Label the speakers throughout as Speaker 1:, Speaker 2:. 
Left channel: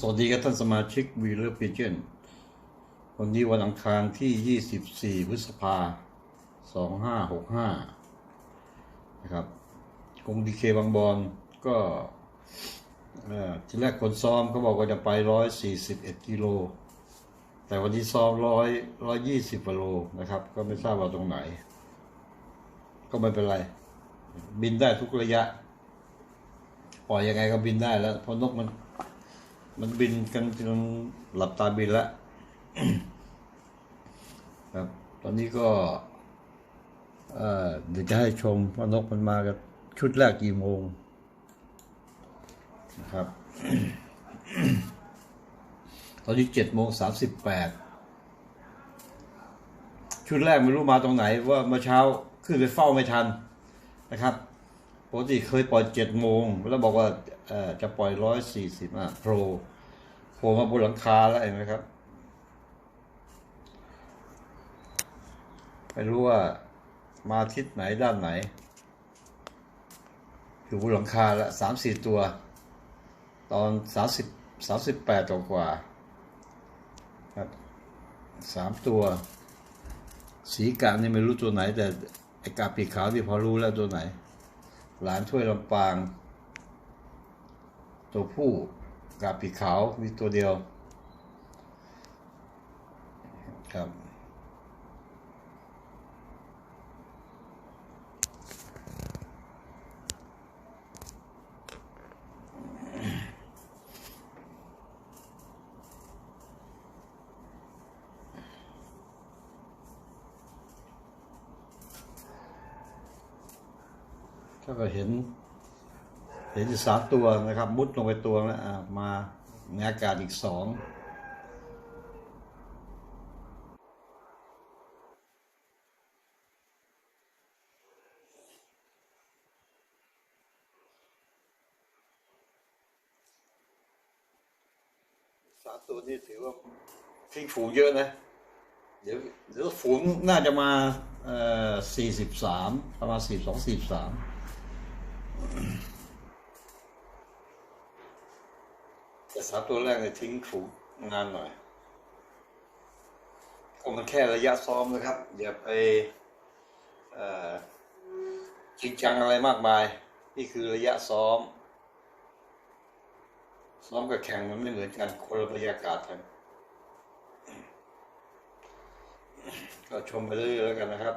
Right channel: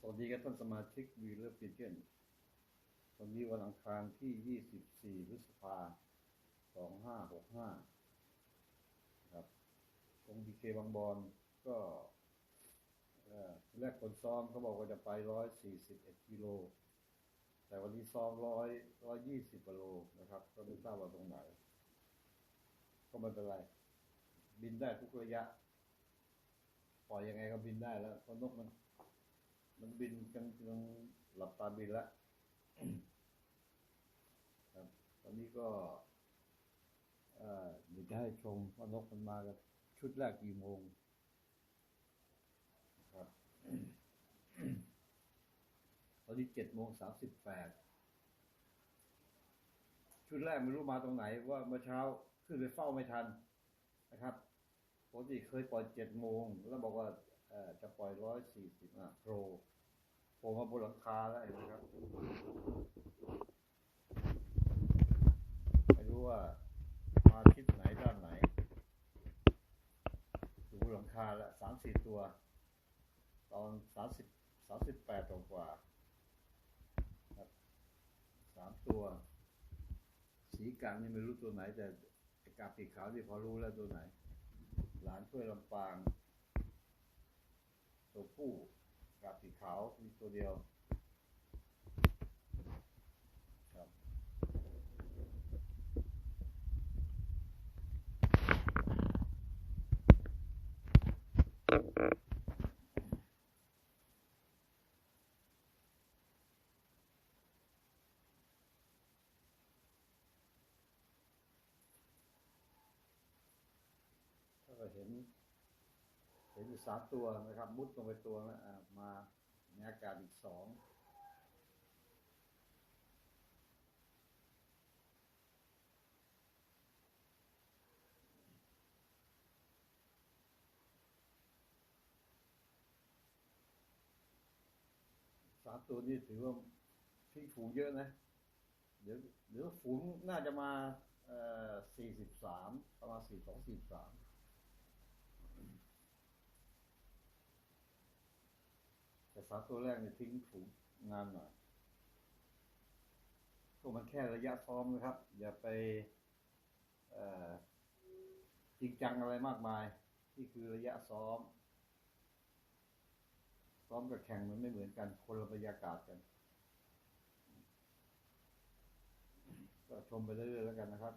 Speaker 1: สวัสดีครับท่านสมาชิกวีเลอร์พีเจนวันนี้วันอังคารที่ 24 พฤษภา 2565 นะครับกงดีเคบางบอนก็อ่อทีแรกคนซ้อมเขาบอกว่าจะไป 141 กิโล แต่วันที่ซ้อม 100 120กิโลนะครับ ก็ไม่ทราบว่าตรงไหน ก็ไม่เป็นไร บินได้ทุกระยะ ปล่อยยังไงก็บินได้แล้วเพราะนกมัน มันบินกันจนหลับตาบินแล้วครับ ตอนนี้ก็เดี๋ยวจะให้ชมว่านกมันมากันชุดแรกกี่โมงนะครับ ตอนนี้เจ็ดโมงสามสิบแปดชุดแรกไม่รู้มาตรงไหนว่าเมื่อเช้าขึ้นไปเฝ้าไม่ทันนะครับปกติเคยปล่อยเจ็ดโมงแล้วบอกว่า จะปล่อยร้อยสี่สิบอะโปรโผล่มาบนหลังคาแล้วเห็นไหมครับ ไม่รู้ว่ามาทิศไหนด้านไหน อยู่บนหลังคาล้วสามสี่ตัว ตอนสามสิบสามสิบแปดตัวกว่าครับสามตัว สีกานี่ไม่รู้ตัวไหน แต่ไอกาปีขาวที่พอรู้แล้วตัวไหน หลานถ้วยลำปาง ตัวผู้กาปีกขาวมีตัวเดียวครับถ้าก็เห็น เห็นอยู่สามตัวนะครับ มุดลงไปตัวแล้วมาในอากาศอีกสองสามตัวนี้ถือว่าทิ้งฝูงเยอะนะ เดี๋ยวเดี๋ยวฝูงน่าจะมาเอ่อสี่สิบสามประมาณสี่สองสี่สาม แต่สามตัวแรกเนี่ยทิ้งฝูงานหน่อยก็มันแค่ระยะซ้อมนะครับ อย่าไปจริงจังอะไรมากมาย นี่คือระยะซ้อม ซ้อมกับแข่งมันไม่เหมือนกันคนละบรรยากาศกันก็ชมไปเรื่อยๆแล้วกันนะครับ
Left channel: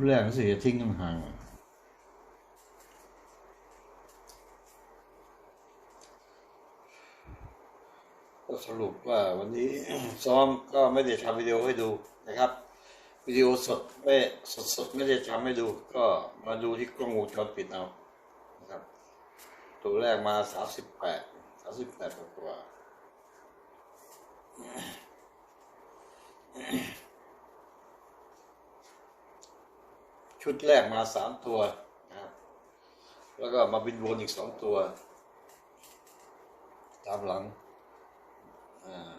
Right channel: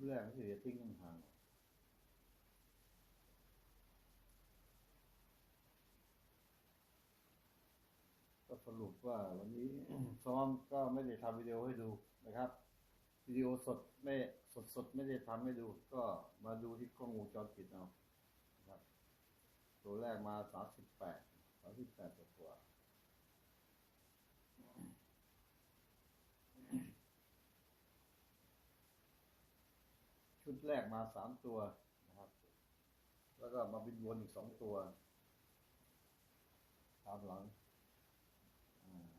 Speaker 1: ชุดแรกก็สิจะทิ้งห่างก็สรุปว่าวันนี้ซ้อมก็ไม่ได้ทำวิดีโอให้ดูนะครับ วิดีโอสดไม่สดสดๆไม่ได้ทำให้ดู ก็มาดูที่กล้องวงจรปิดเอานะครับ ตัวแรกมาสามสิบแปดสามสิบแปดกว่า ชุดแรกมาสามตัวนะครับ แล้วก็มาบินวนอีกสองตัว ตามหลังอ่า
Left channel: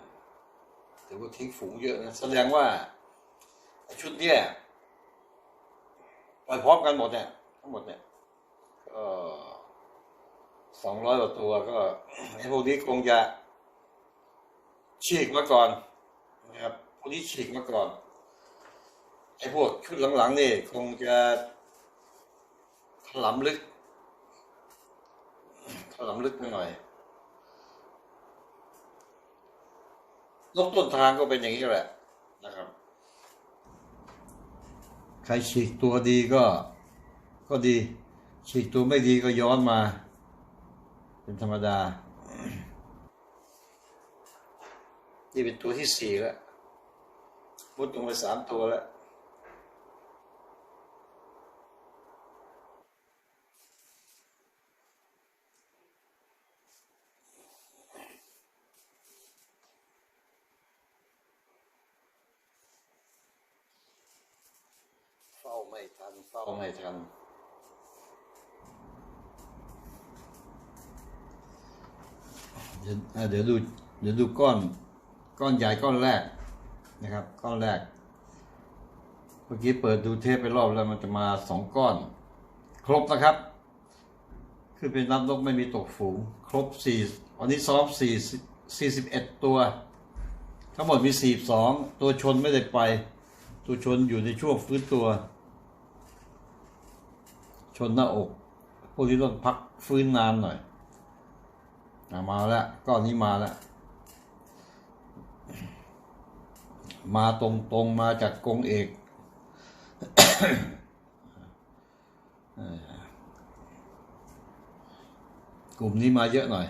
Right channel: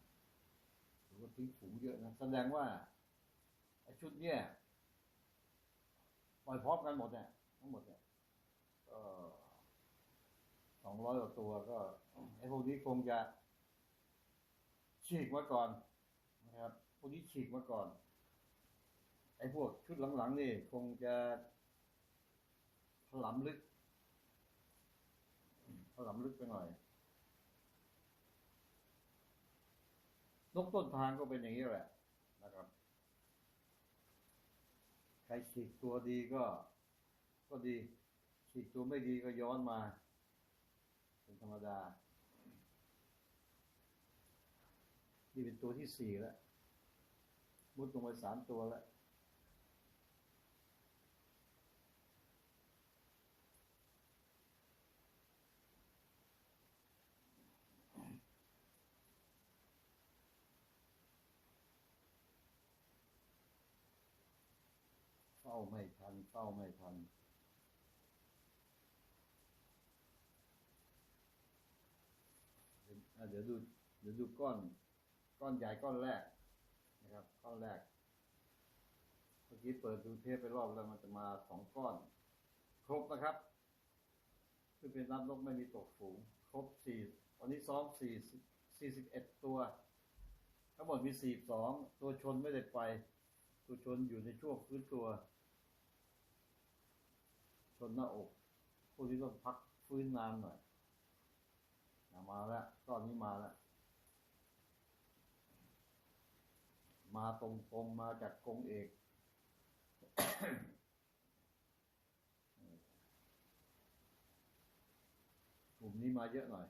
Speaker 1: ถือว่าทิ้งฝูงเยอะนะแสดงว่า ชุดเนี้ยปพร้อมกันหมดเนี่ยทั้งหมดเนี่ยก็สองร้อยกว่าตัวก็ไอ้พวกนี้คงจะฉีกมาก่อนนะครับพวกนี้ฉีกมาก่อน ไอ้พวกชุดหลังๆนี่คงจะถลำลึกถลำลึกไปหน่อยนกต้นทางก็เป็นอย่างนี้แหละนะครับ ใครฉีกตัวดีก็ ก็ดี ฉีกตัวไม่ดีก็ย้อนมา เป็นธรรมดา นี่เป็นตัวที่สี่แล้วมุดลงไปสามตัวแล้ว ไม่ทันเฝ้าไม่ทันเดี๋ยวเดี๋ยวดูเดี๋ยวดูก้อนก้อนใหญ่ก้อนแรกนะครับ ก้อนแรก เมื่อกี้เปิดดูเทปไปรอบแล้วมันจะมาสองก้อน ครบนะครับ คือเป็นนับนกไม่มีตกฝูง ครบสี่วันนี้ซ้อมสี่สี่สิบเอ็ดตัว ทั้งหมดมีสี่สองตัวชนไม่ได้ไป ตัวชนอยู่ในช่วงฟื้นตัว ชนหน้าอกพวกนี้ต้องพักฟื้นนานหน่อยอมาแล้วก้อนนี้มาแล้ว มาตรงตรงๆมาจากกงเอกกลุ่มนี้มาเยอะหน่อย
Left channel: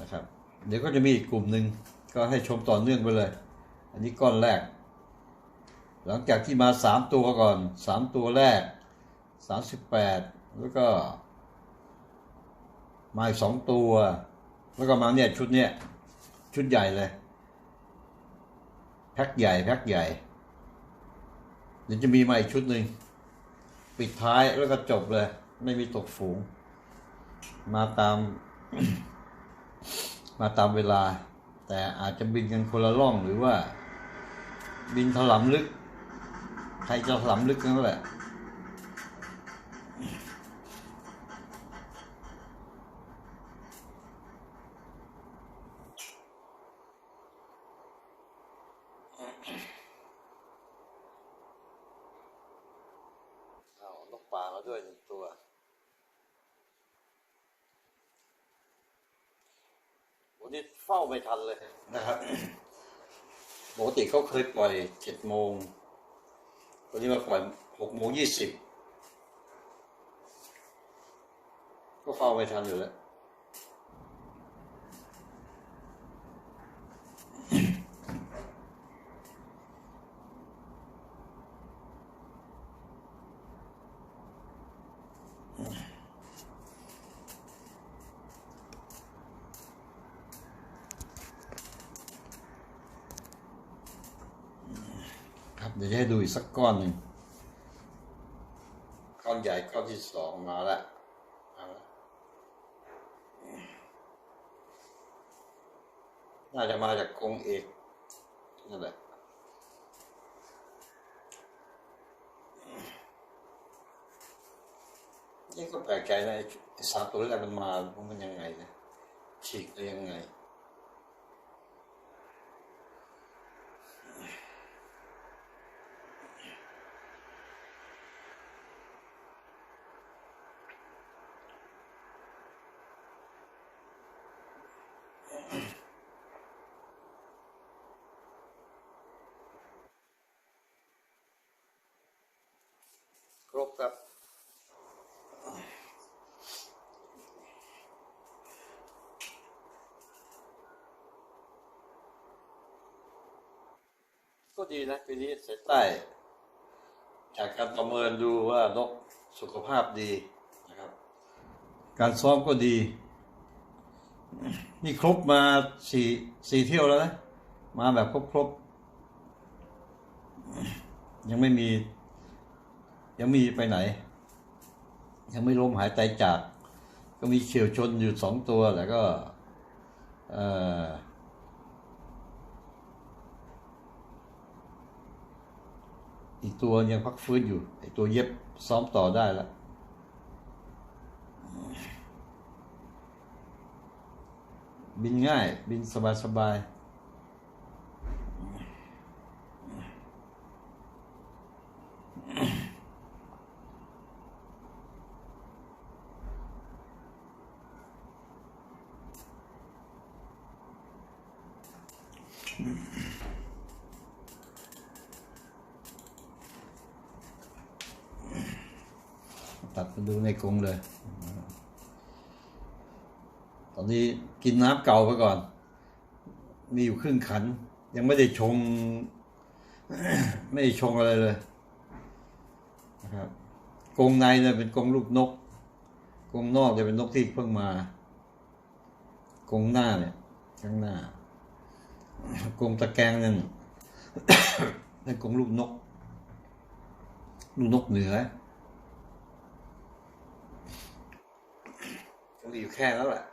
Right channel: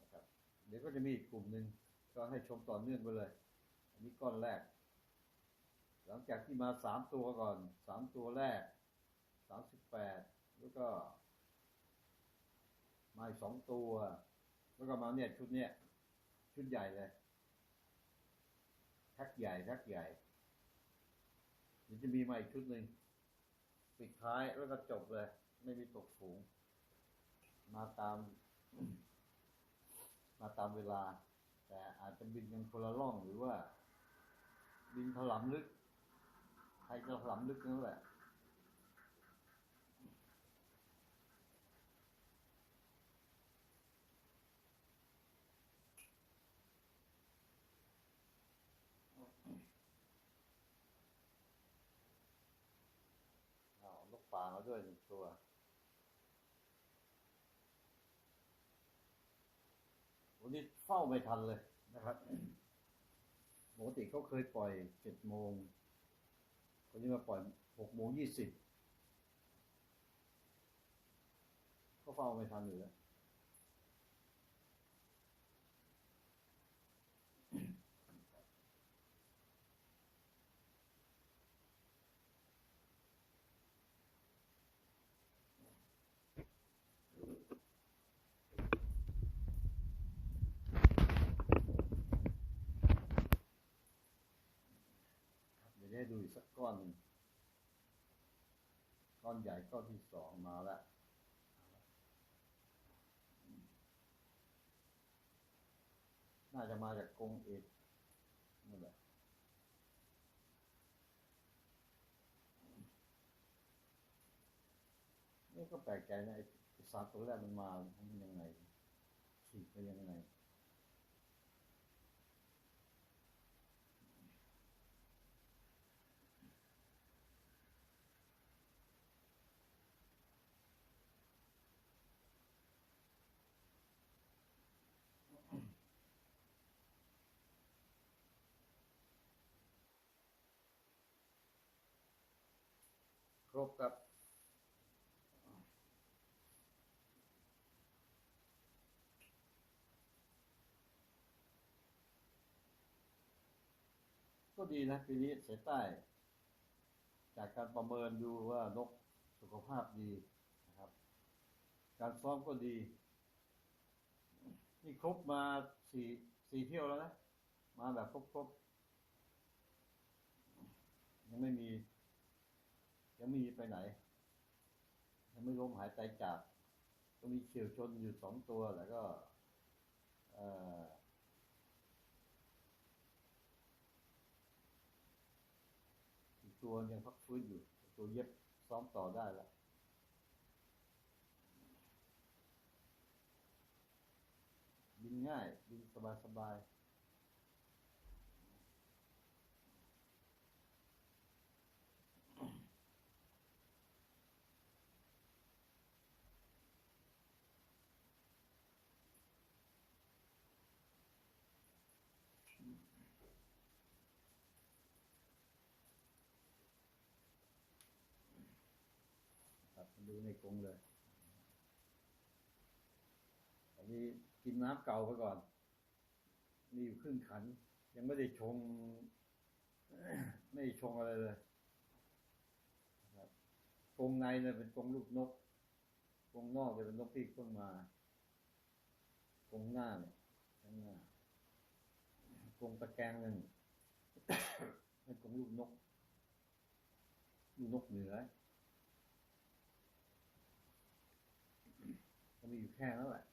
Speaker 1: นะครับ เดี๋ยวก็จะมีอีกกลุ่มหนึ่งก็ให้ชมต่อเนื่องไปเลย อันนี้ก้อนแรก หลังจากที่มาสามตัวก่อนสามตัวแรก สามสิบแปดแล้วก็ มาอีกสองตัว แล้วก็มาเนี่ยชุดเนี้ยชุดใหญ่เลย แพ็คใหญ่ แพ็คใหญ่เดี๋ยวจะมีมาอีกชุดหนึ่งปิดท้ายแล้วก็จบเลย ไม่มีตกฝูง มาตาม มาตามเวลา แต่อาจจะบินกันคนละล่องหรือว่า บินถลำลึก ใครจะถลำลึกนั่นแหละ เอานกป่ามา ด้วยหนึ่งตัว วันนี้เฝ้าไม่ทันเลยนะครับปกติเขาเคยปล่อยเจ็ดโมง วันนี้มาปล่อยหกโมงยี่สิบก็เฝ้าไม่ทันอยู่แล้ว ดี๋ยวจะให้ดูอีกสักก้อนหนึ่งก้อนใหญ่ก้อนที่สองมาแล้วมาแล้วน่าจะมาจากกรงเอกนั่นแหละนี่ก็แปลกใจนะไอ้ไอ้สามตัวแรกมันมา มันยังไงนะฉีกได้ยังไง ครบครับ ก็ดีนะปีนี้สายใต้ จากการประเมินดูว่านกสุขภาพดีนะครับ การซ้อมก็ดี นี่ครบมาสี่สี่เที่ยวแล้วนะ มาแบบครบครบๆยังไม่มี ยังมีไปไหน ยังไม่ล้มหายตายจาก ก็มีเฉียวชนอยู่สองตัวแต่ก็เอออีกตัวยังพักฟื้นอยู่ไอตัวเย็บซ้อมต่อได้แล้วบินง่าย บินสบายสบาย ตัดมาดูในกรงเลย ตอนนี้กินน้ำเก่าไปก่อน มีอยู่ครึ่งขัน ยังไม่ได้ชง ไม่ได้ชงอะไรเลยนะครับกรงในเนี่ยเป็นกรงลูกนกกรงนอกจะเป็นนกที่เพิ่งมากรงหน้าเนี่ยข้างหน้า กรงตะแกรงนั่นนั่นกรงลูกนก ลูกนกเหนือก็มีอยู่แค่นั้นแหละ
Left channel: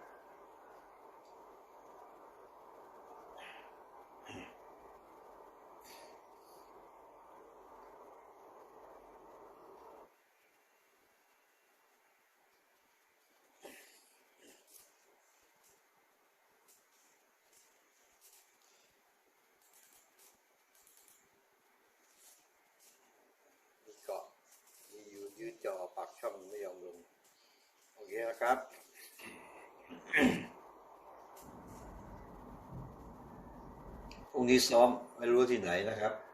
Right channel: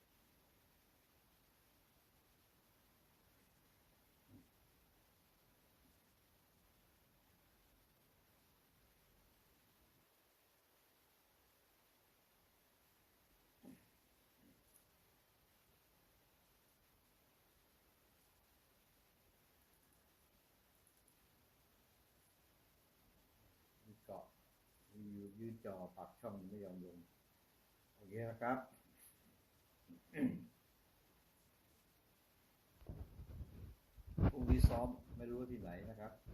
Speaker 1: มีอยู่ยืดจอปากช่องไม่ยอมลง โอเคนะครับ พรุ่งนี้ซ้อมไม่รู้ที่ไหนนะครับ